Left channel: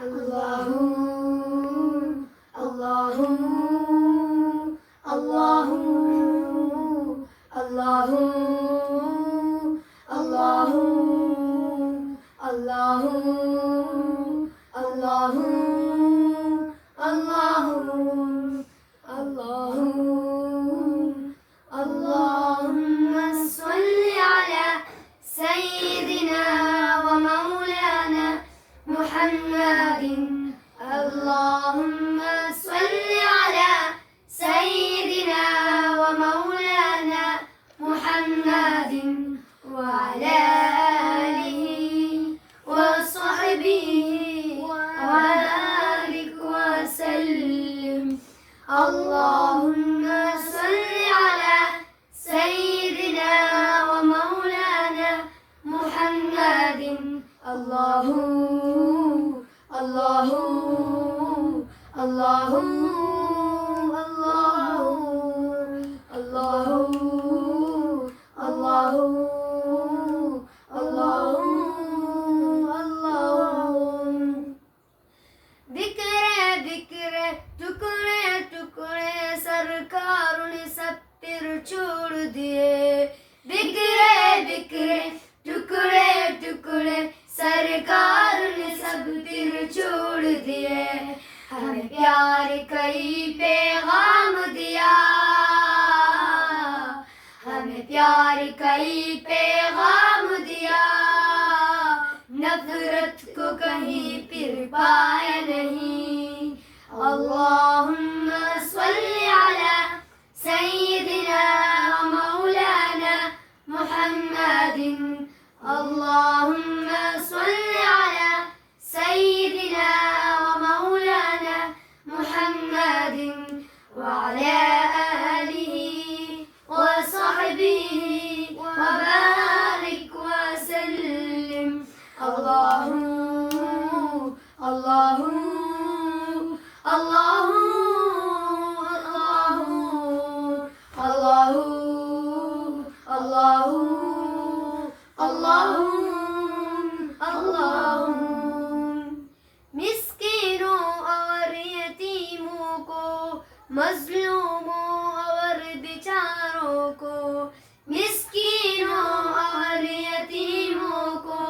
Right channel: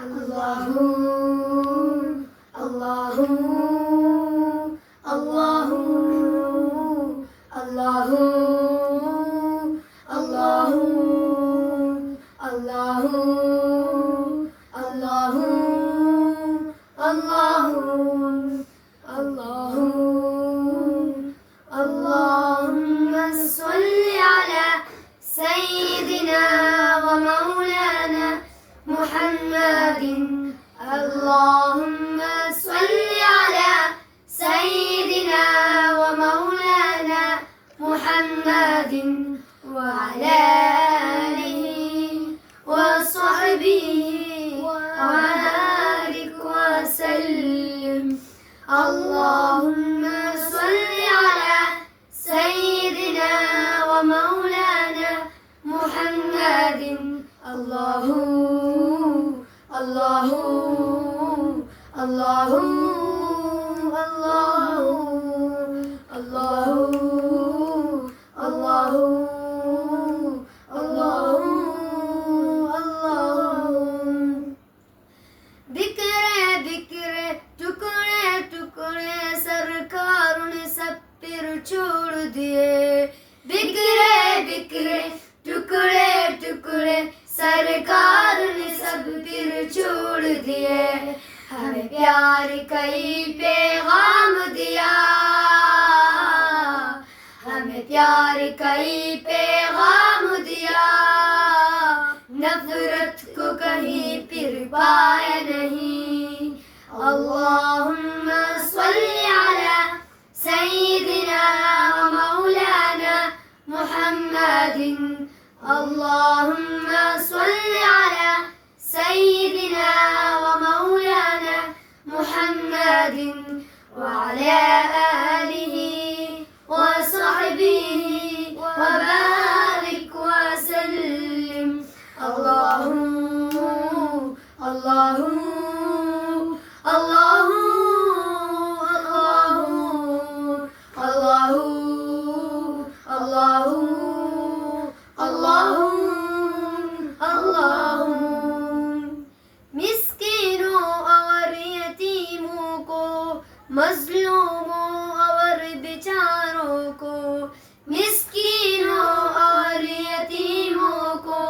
الله الله الله الله الله الله الله الله الله اللهم صل على سيدنا ومولانا محمد اللهم صل على سيدنا ومولانا محمد وعلى آله وصحبه وبارك وسلم اللهم صل على سيدنا ومولانا محمد الله الله الله الله الله الله बिखरे बिखरे टुकड़े टुकड़े सरकार ने सब फिर छोड़ दिए बिखरे बिखरे टुकड़े टुकड़े सरकार ने सब फिर छोड़ दिए हमें प्यार कई पैगाम दिया हमें प्यार कई पैगाम दिया नफरत को कहीं फिर पाया नहीं अल्लाहुम्मा सल्ली अला सय्यिदिना व मौलाना मुहम्मदिन अल्लाहुम्मा सल्ली अला सय्यिदिना व मौलाना मुहम्मदिन व अला आलिहि व सहबिहि व बारिक व सल्लिम الله الله الله الله الله الله الله मिस्किनों और यतीमों को मजलूमों और बेचारों को मिस्किनों और यतीमों को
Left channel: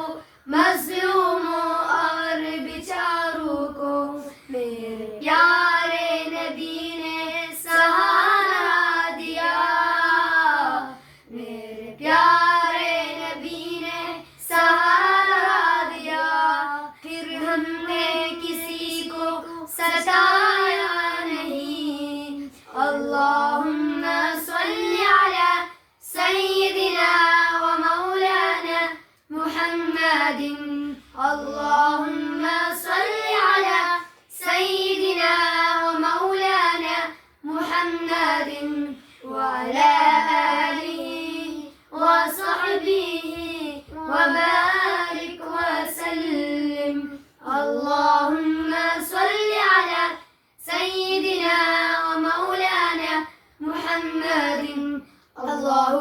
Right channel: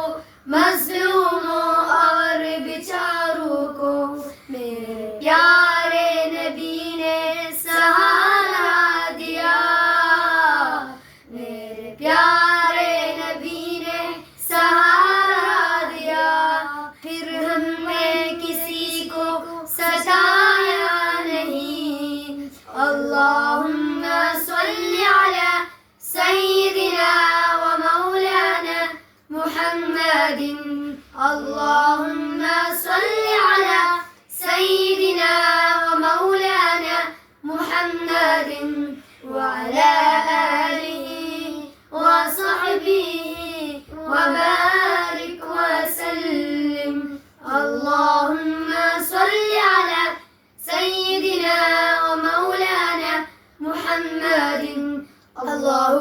मजलूमों और बेचारों को मेरे प्यारे नबी ने सहारा दिया मेरे प्यारे नबी ने सहारा दिया फिर हमने किसी को सताया नहीं अल्लाहुम्मा सल्ली अला सय्यिदिना व मौलाना محمد اللهم صل على سيدنا ومولانا محمد وعلى آله وصحبه وبارك وسلم اللهم صل على سيدنا ومولانا محمد الله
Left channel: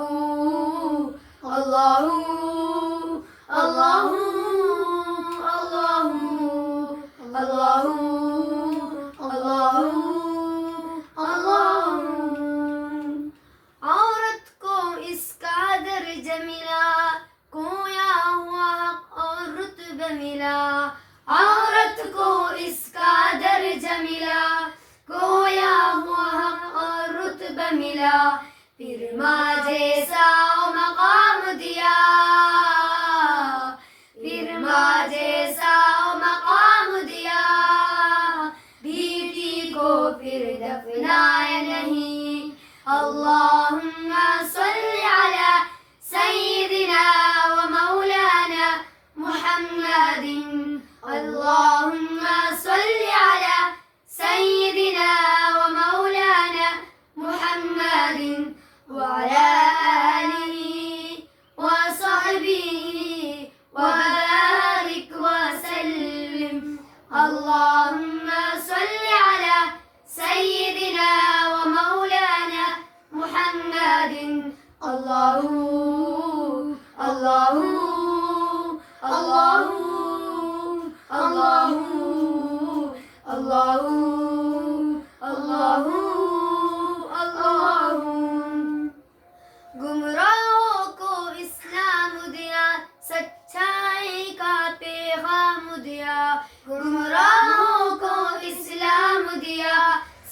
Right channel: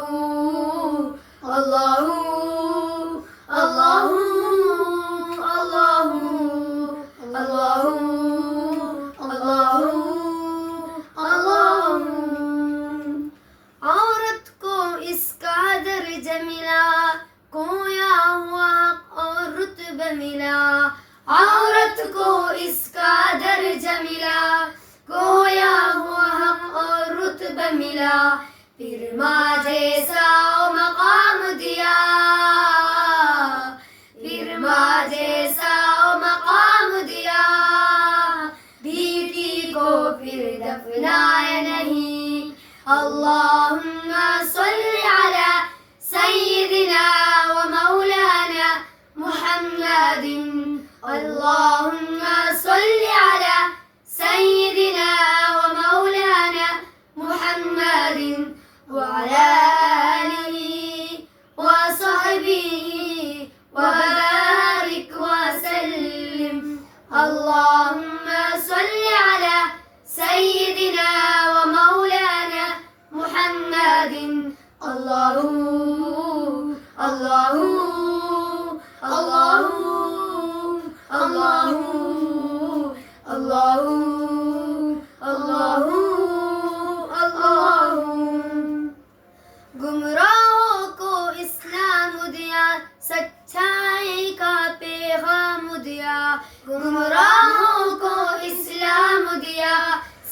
الله الله الله الله الله الله औरत को इसका दर्ज मिला खोया हुआ हक और रुतबा मिला औरत को इसका दर्ज मिला खोया हुआ हक और रुतबा मिला फिर माँ जैसा मकाम दिया फिर माँ जैसा मकाम दिया बेटी को फिर दफनाया नहीं अल्लाहुम्मा सल्ली अला सय्यिदिना व मौलाना मुहम्मदिन अल्लाहुम्मा सल्ली अला सय्यिदिना व मौलाना मुहम्मदिन وعلى آله وصحبه وبارك وسلم اللهم صل على سيدنا ومولانا محمد الله الله الله الله अल्लाहू अल्लाहू अल्लाहू। गुमराहों को इस्लाम दिया, सच्चाई का पैगाम दिया। गुमराहों को इस्लाम दिया,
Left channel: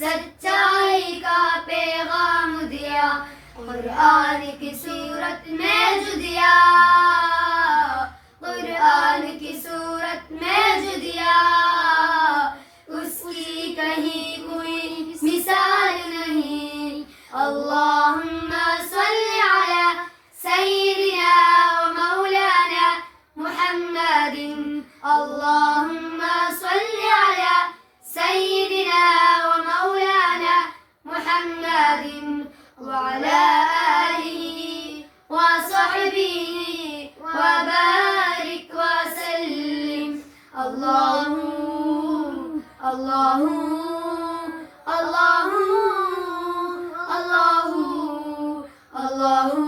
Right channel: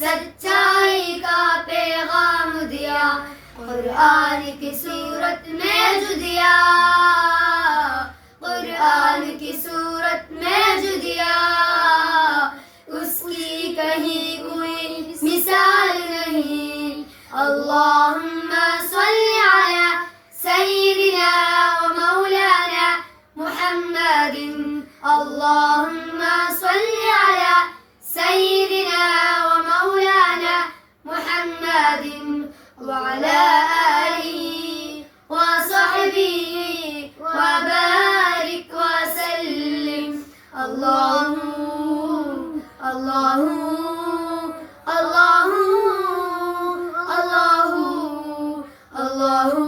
सच्चाई का पैगाम दिया। कुरान की सूरत में जो दिया, कुरान की सूरत में जो दिया, उसकी कहीं कोई मिसाल नहीं। अल्लाहुम्मा सल्ली अला सय्यिदिना व मौलाना मुहम्मदिन। अल्लाहुम्मा सल्ली अला सय्यिदिना व मौलाना मुहम्मदिन व अला आलिहि व सहबिहि व बारिक व सल्लिम। अल्लाहू अल्लाहू अल्लाहू अल्लाहू अल्लाहू